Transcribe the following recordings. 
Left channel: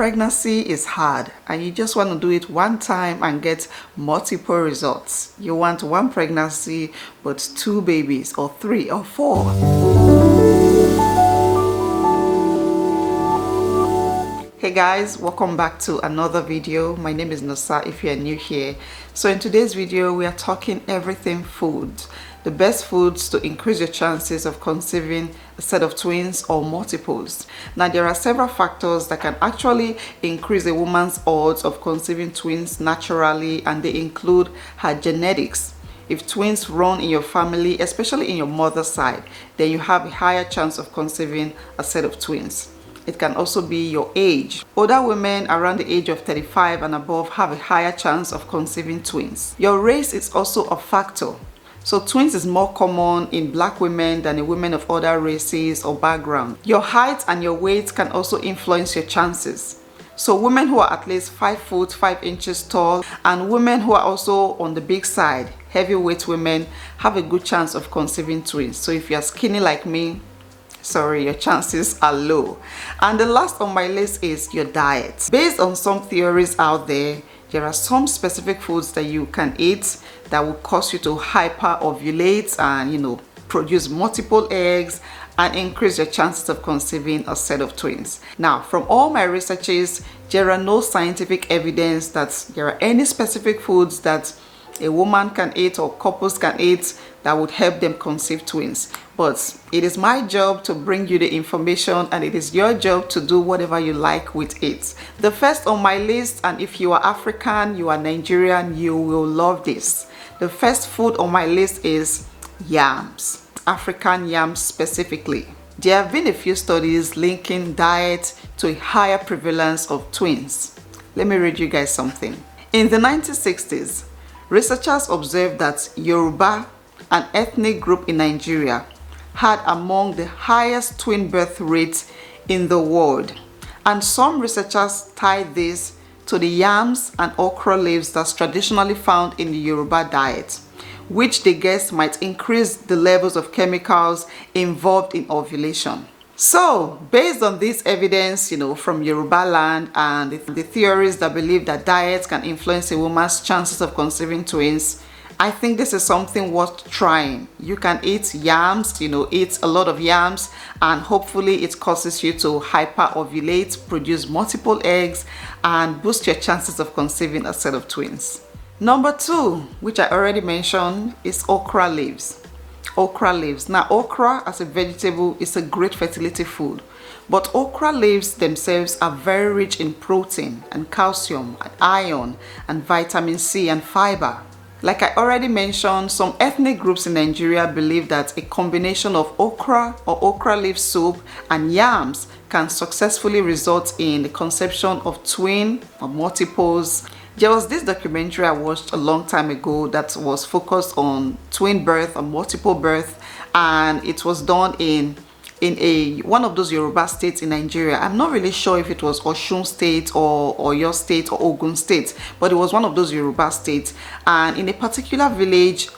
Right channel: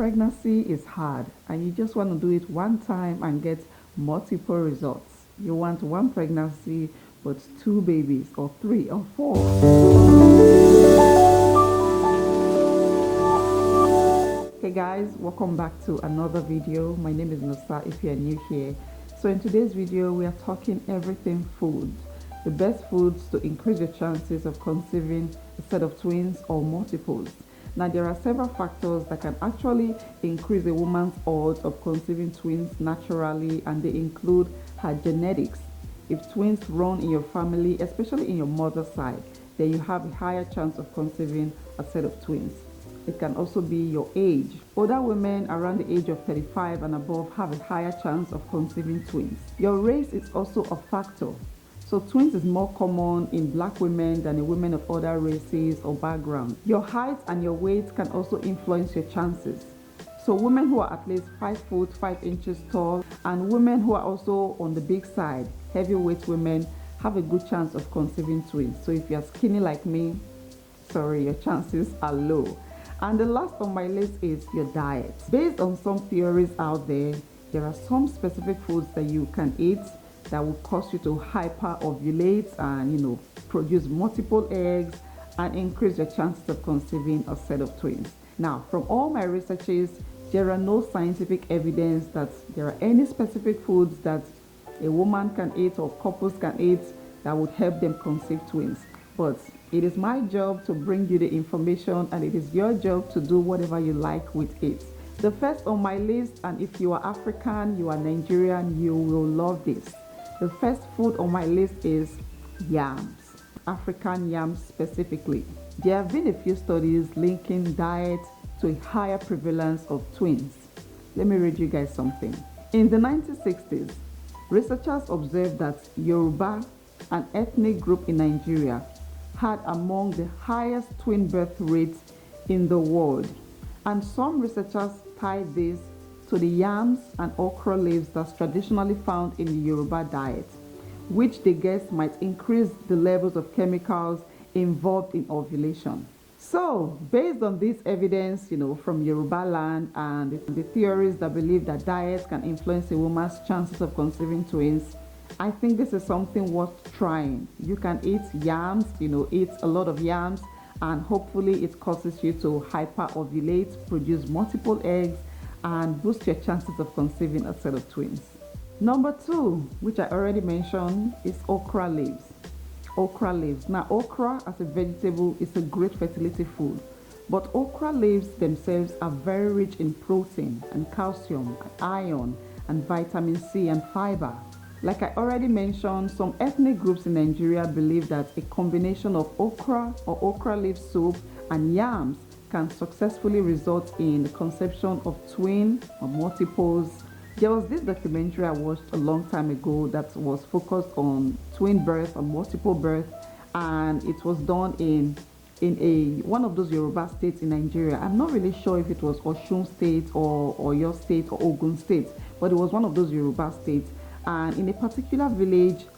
Pregnancy is hard and you just want to do it one time and get multiple results. You want one pregnancy but 2 babies or 3 or 4. Hey guys, welcome back to another video. My name is Nosa if you are new here. So in today's video we are talking everything food. The best foods to increase your chances of conceiving a set of twins or multiples. Now there are several factors that can actually increase a woman's odds of conceiving twins naturally, and they include her genetics. If twins run in your family, especially in your mother's side, then you have a higher chance of conceiving a set of twins. It can also be your age. Older women around the age of 35 and above have a higher chance of conceiving twins. Your race is also a factor. So twins is more common in black women than in women of other races or background. Your height and your weight can also influence your chances. So women who are at least 5 foot 5 inches tall and women who are also on the big side, heavyweight women, have a good chance of conceiving twins. So if you're skinny like me, sorry, your chances are low. And the last on my list is your diet. Based on some theories out there are some specific foods that you can eat that will cause you to hyper-ovulate and produce multiple eggs and increase your chances of conceiving a set of twins. Now, from all my researches, there are no scientific evidence that there are any specific foods that a woman can eat or couples can eat that would help them conceive twins. But it is my job to bring you the information, and it is your job to do whatever you like with it. The first on my list, and if you are African, you are Nigerian, you will love this. The first food on my list is yams, African yams specifically. There have been a few studies linking diet to a higher prevalence of twins. Let me read you guys something. In the 1960s, researchers observed that Yoruba, an ethnic group in Nigeria, had among the highest twin birth rates in the world. And some researchers tied this to the yams and okra leaves that's traditionally found in the Yoruba diet, which they guess might increase the levels of chemicals involved in ovulation. So, based on this evidence, from Yoruba land and the theories that believe that diets can influence a woman's chances of conceiving twins, I think this is something worth trying. You can eat yams, eat a lot of yams, and hopefully it causes you to hyper-ovulate, produce multiple eggs, and boost your chances of conceiving a set of twins. Number 2, which I already mentioned, is okra leaves. Okra leaves. Now, okra as a vegetable is a great fertility food, but okra leaves themselves are very rich in protein and calcium and iron and vitamin C and fiber. Like I already mentioned, some ethnic groups in Nigeria believe that a combination of okra or okra leaf soup and yams can successfully result in the conception of twin or multiples. There was this documentary I watched a long time ago that was focused on twin birth or multiple birth, and it was done in one of those Yoruba states in Nigeria. I'm not really sure if it was Osun State or your state or Ogun State, but it was one of those Yoruba states. And in a particular village,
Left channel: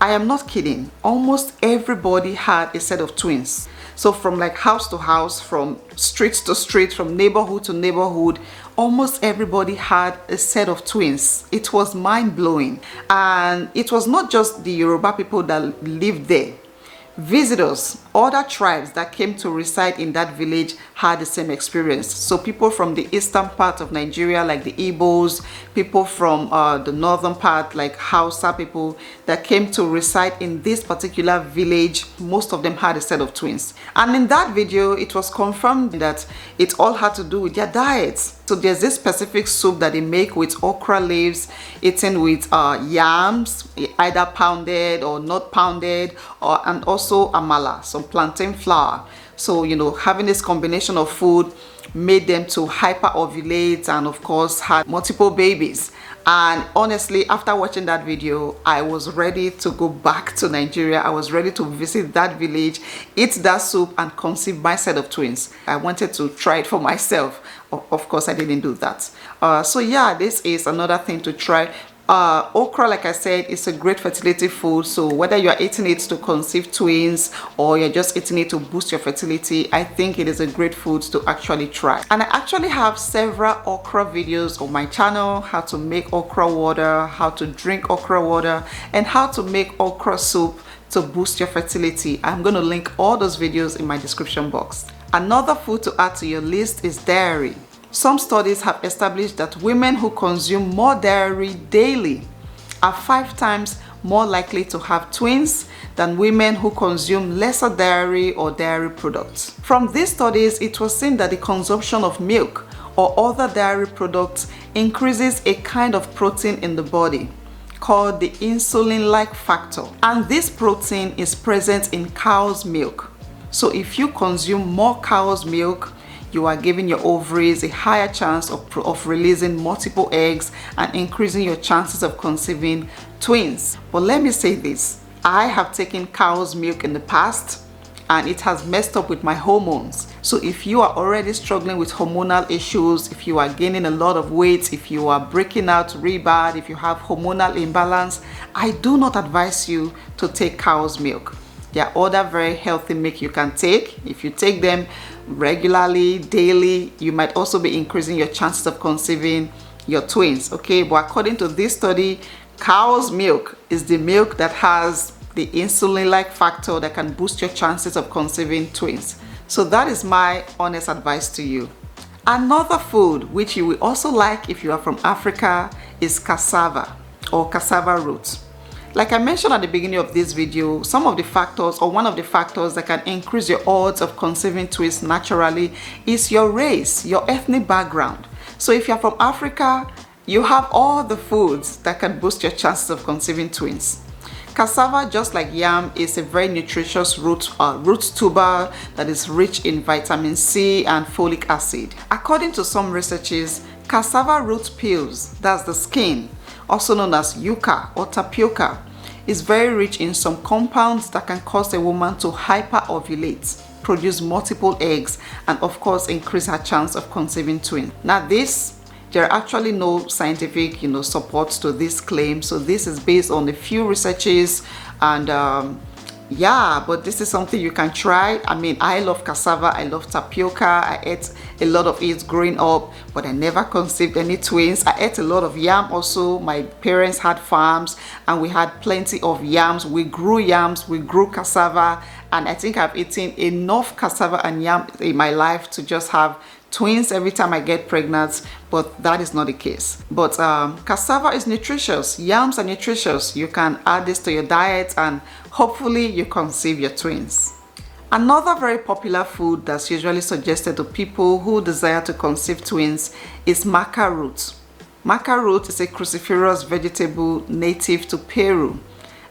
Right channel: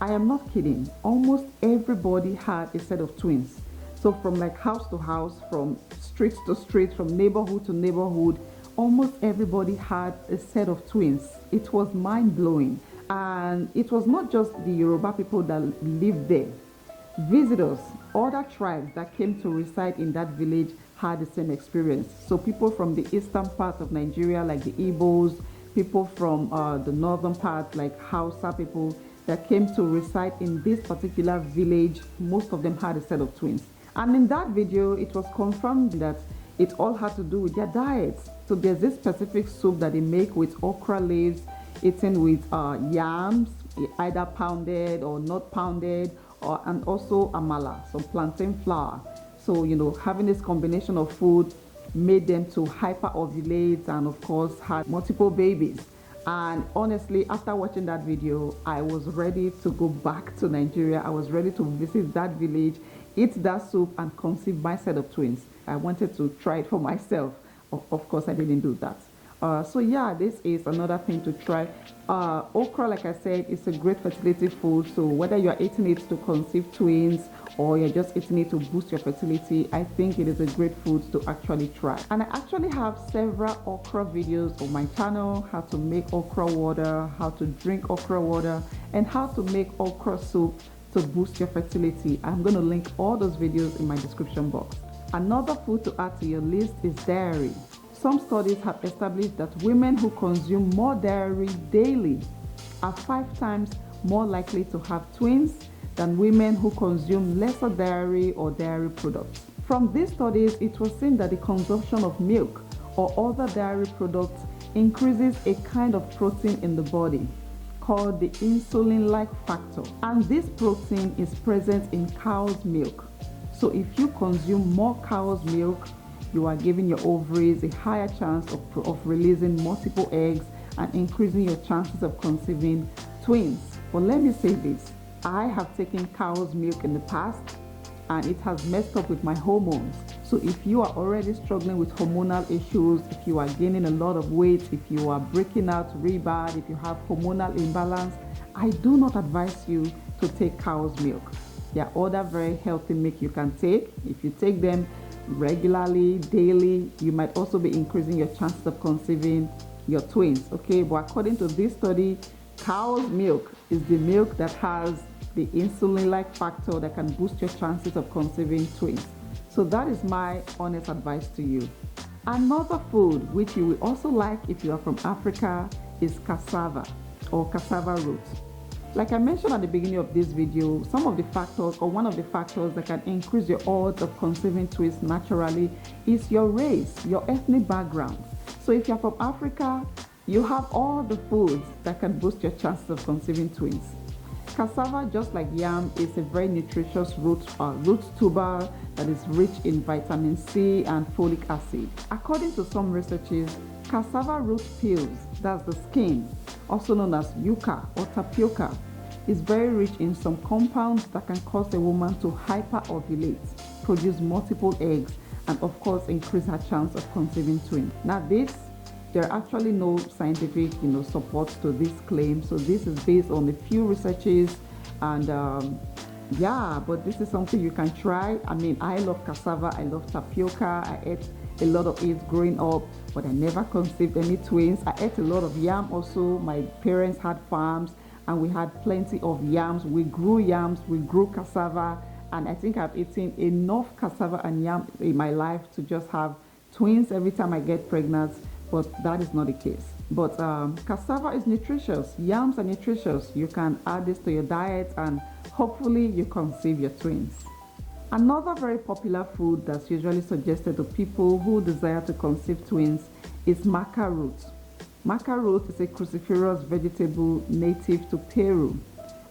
I am not kidding, almost everybody had a set of twins. So from like house to house, from street to street, from neighborhood to neighborhood, almost everybody had a set of twins. It was mind-blowing. And it was not just the Yoruba people that lived there. Visitors, other tribes that came to reside in that village had the same experience. So people from the eastern part of Nigeria, like the Igbos, people from the northern part, like Hausa people that came to reside in this particular village, most of them had a set of twins. And in that video, it was confirmed that it all had to do with their diets. So there's this specific soup that they make with okra leaves, eaten with yams, either pounded or not pounded, and also amala, some plantain flour. So, having this combination of food made them to hyper-ovulate and of course had multiple babies. And honestly, after watching that video, I was ready to go back to Nigeria. I was ready to visit that village, eat that soup, and conceive my set of twins. I wanted to try it for myself. Of course, I didn't do that. So yeah, this is another thing to try. Okra, like I said, is a great fertility food. So whether you are eating it to conceive twins or you're just eating it to boost your fertility, I think it is a great food to actually try. And I actually have several okra videos on my channel: how to make okra water, how to drink okra water, and how to make okra soup to boost your fertility. I'm going to link all those videos in my description box. Another food to add to your list is dairy. Some studies have established that women who consume more dairy daily are 5 times more likely to have twins than women who consume lesser dairy or dairy products. From these studies, it was seen that the consumption of milk or other dairy products increases a kind of protein in the body called the insulin-like factor. And this protein is present in cow's milk. So if you consume more cow's milk, you are giving your ovaries a higher chance of releasing multiple eggs and increasing your chances of conceiving twins. But let me say this, I have taken cow's milk in the past and it has messed up with my hormones. So if you are already struggling with hormonal issues, if you are gaining a lot of weight, if you are breaking out real bad, if you have hormonal imbalance, I do not advise you to take cow's milk. There are other very healthy milk you can take. If you take them regularly, daily, you might also be increasing your chances of conceiving your twins, okay? But according to this study, cow's milk is the milk that has the insulin-like factor that can boost your chances of conceiving twins. So that is my honest advice to you. Another food which you will also like if you are from Africa is cassava or cassava roots. Like I mentioned at the beginning of this video, some of the factors or one of the factors that can increase your odds of conceiving twins naturally is your race, your ethnic background. So if you're from Africa, you have all the foods that can boost your chances of conceiving twins. Cassava, just like yam, is a very nutritious root tuber that is rich in vitamin C and folic acid. According to some researchers, cassava root peels, that's the skin, also known as yuca or tapioca, is very rich in some compounds that can cause a woman to hyperovulate, produce multiple eggs, and of course increase her chance of conceiving twins. Now there are actually no scientific support to this claim, so this is based on a few researches, and yeah, but this is something you can try. I mean, I love cassava, I love tapioca, I ate a lot of it growing up, but I never conceived any twins. I ate a lot of yam also. My parents had farms and we had plenty of yams. We grew cassava, and I think I've eaten enough cassava and yam in my life to just have twins every time I get pregnant, but that is not the case. But cassava is nutritious, yams are nutritious. You can add this to your diet and hopefully you conceive your twins. Another very popular food that's usually suggested to people who desire to conceive twins is maca root. Maca root is a cruciferous vegetable native to Peru,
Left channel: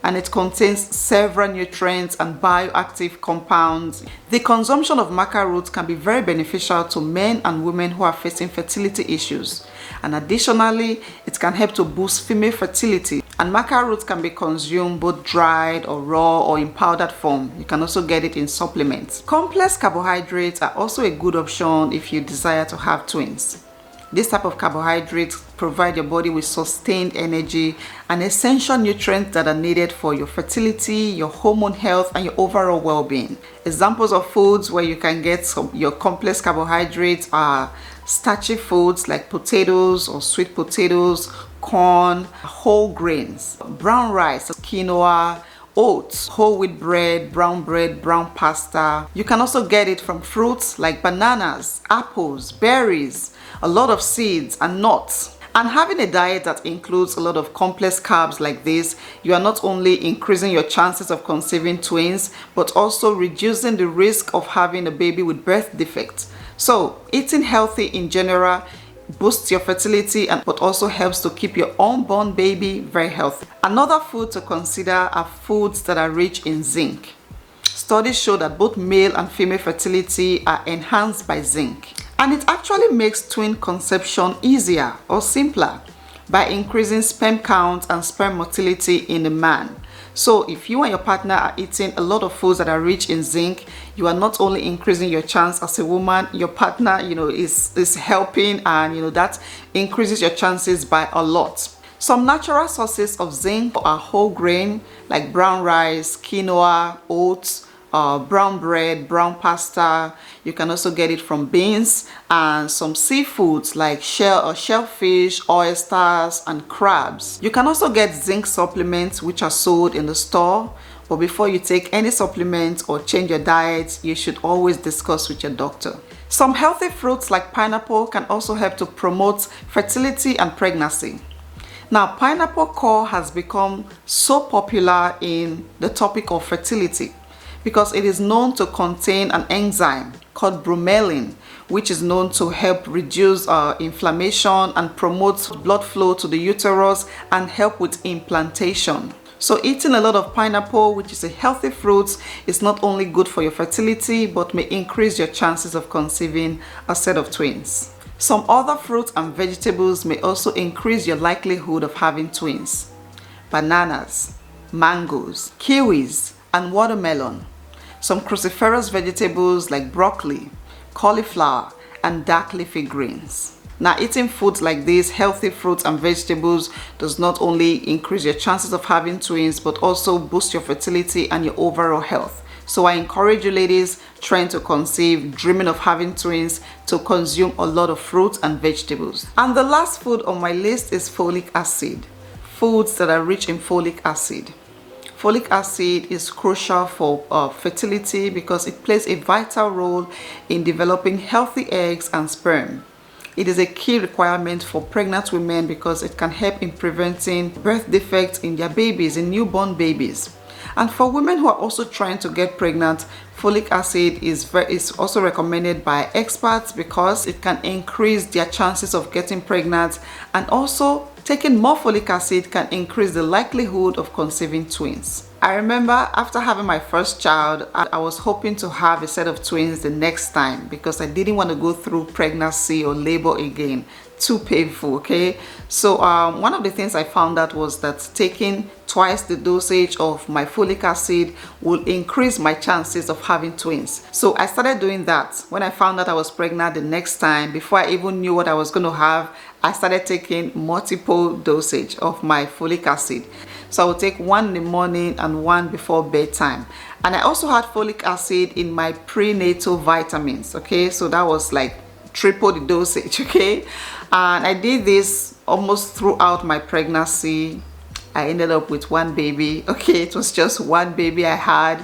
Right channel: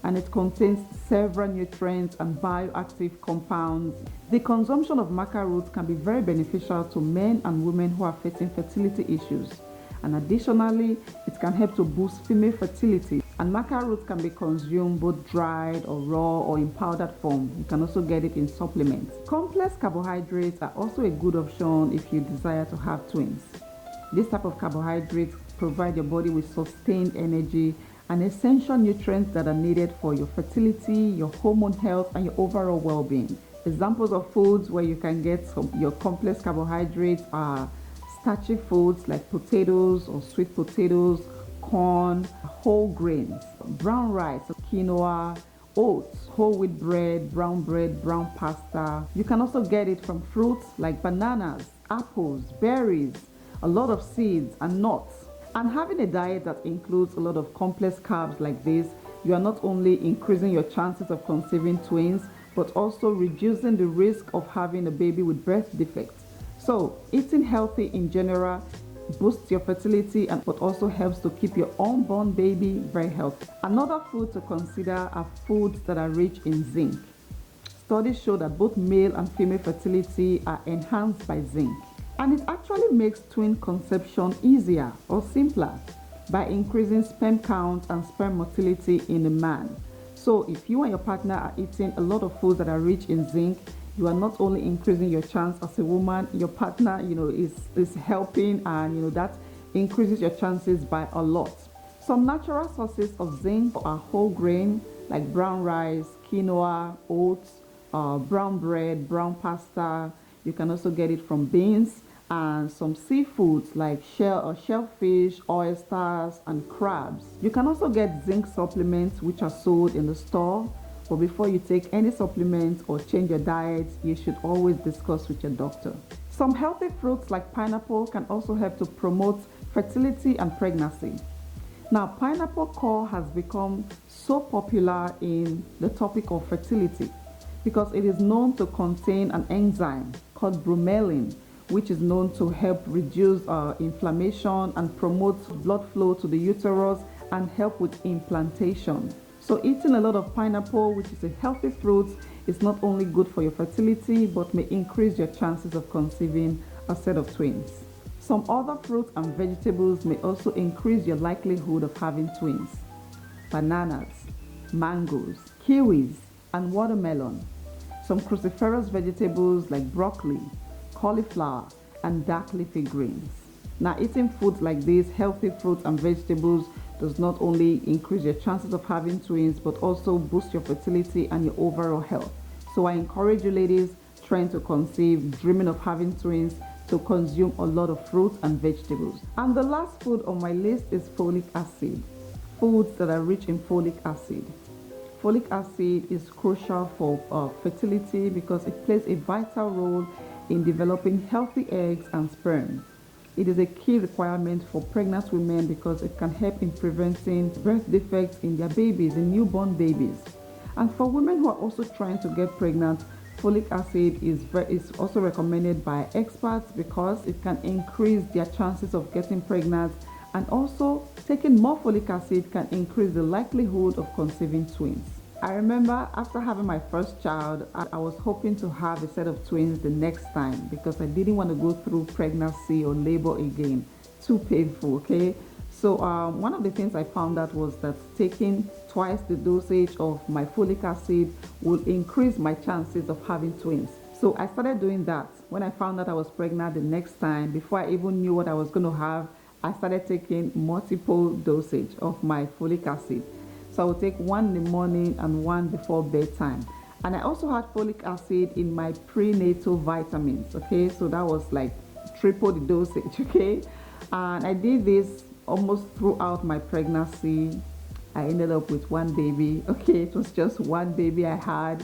and it contains several nutrients and bioactive compounds. The consumption of maca root can be very beneficial to men and women who are facing fertility issues. And additionally, it can help to boost female fertility. And maca root can be consumed both dried or raw or in powdered form. You can also get it in supplements. Complex carbohydrates are also a good option if you desire to have twins. This type of carbohydrates provide your body with sustained energy and essential nutrients that are needed for your fertility, your hormone health, and your overall well-being. Examples of foods where you can get your complex carbohydrates are starchy foods like potatoes or sweet potatoes, corn, whole grains, brown rice, quinoa, oats, whole wheat bread, brown pasta. You can also get it from fruits like bananas, apples, berries, a lot of seeds and nuts. And having a diet that includes a lot of complex carbs like this, you are not only increasing your chances of conceiving twins, but also reducing the risk of having a baby with birth defects. So eating healthy in general boosts your fertility but also helps to keep your unborn baby very healthy. Another food to consider are foods that are rich in zinc. Studies show that both male and female fertility are enhanced by zinc. And it actually makes twin conception easier or simpler by increasing sperm count and sperm motility in a man. So if you and your partner are eating a lot of foods that are rich in zinc, you are not only increasing your chance as a woman, your partner is helping, and that increases your chances by a lot. Some natural sources of zinc are whole grain like brown rice, quinoa, oats, brown bread, brown pasta. You can also get it from beans and some seafoods like shellfish, oysters, and crabs. You can also get zinc supplements which are sold in the store. But before you take any supplements or change your diet, you should always discuss with your doctor. Some healthy fruits like pineapple can also help to promote fertility and pregnancy. Now, pineapple core has become so popular in the topic of fertility because it is known to contain an enzyme called bromelain, which is known to help reduce inflammation and promote blood flow to the uterus and help with implantation. So eating a lot of pineapple, which is a healthy fruit, is not only good for your fertility, but may increase your chances of conceiving a set of twins. Some other fruits and vegetables may also increase your likelihood of having twins. Bananas, mangoes, kiwis, and watermelon. Some cruciferous vegetables like broccoli, cauliflower, and dark leafy greens. Now, eating foods like these, healthy fruits and vegetables, does not only increase your chances of having twins, but also boost your fertility and your overall health. So I encourage you ladies trying to conceive, dreaming of having twins, to consume a lot of fruits and vegetables. And the last food on my list is folic acid. Foods that are rich in folic acid. Folic acid is crucial for fertility because it plays a vital role in developing healthy eggs and sperm. It is a key requirement for pregnant women because it can help in preventing birth defects in their babies, in newborn babies. And for women who are also trying to get pregnant, folic acid is also recommended by experts because it can increase their chances of getting pregnant, and also taking more folic acid can increase the likelihood of conceiving twins. I remember after having my first child, I was hoping to have a set of twins the next time because I didn't want to go through pregnancy or labor again. Too painful, okay? So one of the things I found out was that taking twice the dosage of my folic acid will increase my chances of having twins. So I started doing that. When I found out I was pregnant the next time, before I even knew what I was going to have, I started taking multiple dosage of my folic acid. So I would take one in the morning and one before bedtime. And I also had folic acid in my prenatal vitamins, okay? So that was like triple the dosage, okay? And I did this almost throughout my pregnancy. I ended up with one baby, okay? It was just one baby I had.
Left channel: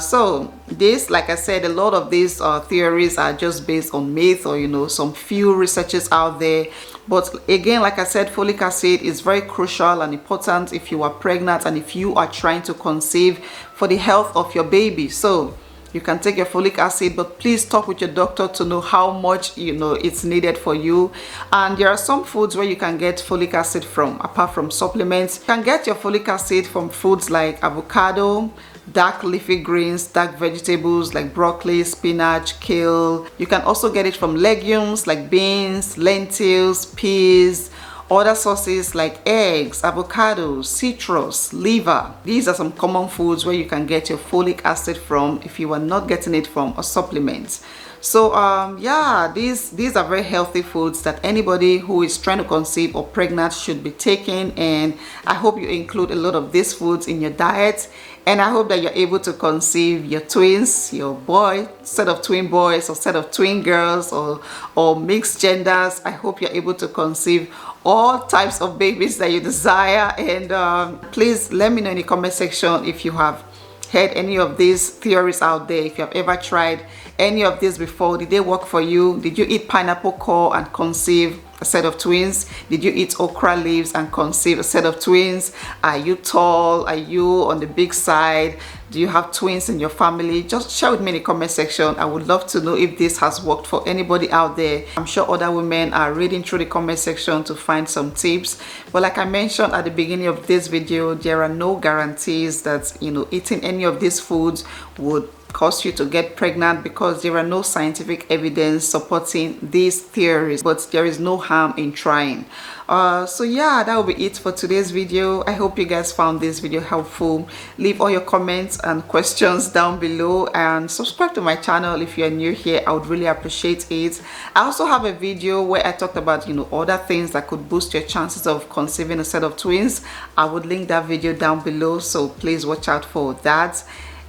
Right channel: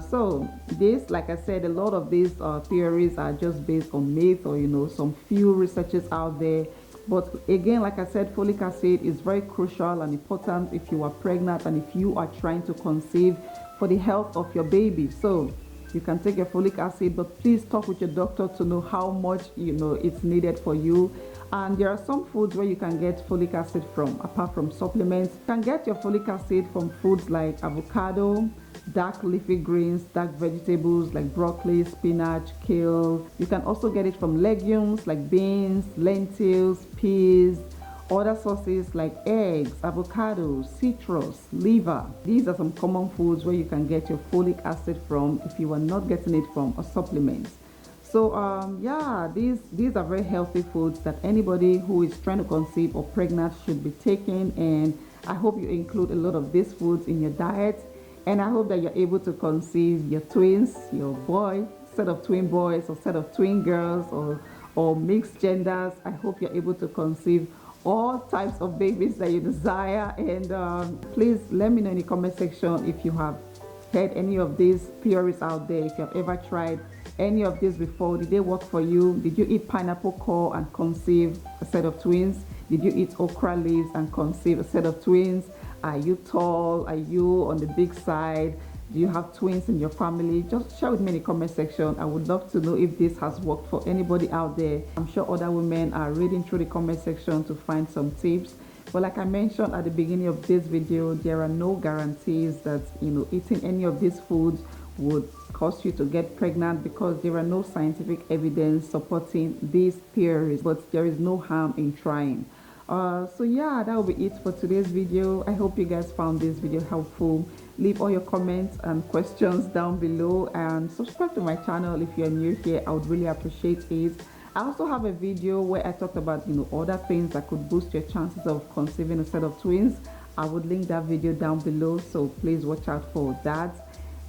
So this, like I said, a lot of these theories are just based on myth or, you know, some few researchers out there. But again, like I said, folic acid is very crucial and important if you are pregnant and if you are trying to conceive for the health of your baby. So you can take your folic acid, but please talk with your doctor to know how much, you know, it's needed for you. And there are some foods where you can get folic acid from, apart from supplements. You can get your folic acid from foods like avocado, dark leafy greens, dark vegetables like broccoli, spinach, kale. You can also get it from legumes like beans, lentils, peas, other sources like eggs, avocados, citrus, liver. These are some common foods where you can get your folic acid from if you are not getting it from a supplement. So yeah, these are very healthy foods that anybody who is trying to conceive or pregnant should be taking, and I hope you include a lot of these foods in your diet. And I hope that you're able to conceive your twins, your boy, set of twin boys or set of twin girls, or mixed genders. I hope you're able to conceive all types of babies that you desire. And please let me know in the comment section if you have heard any of these theories out there, if you have ever tried any of these before. Did they work for you? Did you eat pineapple core and conceive a set of twins? Did you eat okra leaves and conceive a set of twins? Are you tall? Are you on the big side? Do you have twins in your family? Just share with me in the comment section. I would love to know if this has worked for anybody out there. I'm sure other women are reading through the comment section to find some tips. But like I mentioned at the beginning of this video, there are no guarantees that, you know, eating any of these foods would cause you to get pregnant, because there are no scientific evidence supporting these theories, but there is no harm in trying. So yeah, that will be it for today's video. I hope you guys found this video helpful. Leave all your comments and questions down below, and subscribe to my channel if you are new here. I would really appreciate it. I also have a video where I talked about, you know, other things that could boost your chances of conceiving a set of twins. I would link that video down below, so please watch out for that.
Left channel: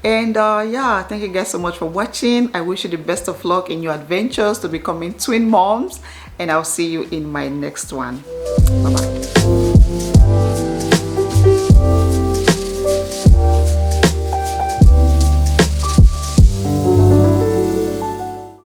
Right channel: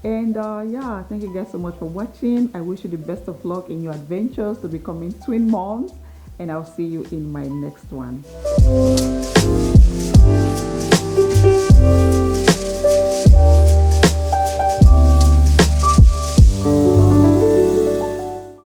And yeah, thank you guys so much for watching. I wish you the best of luck in your adventures to becoming twin moms, and I'll see you in my next one.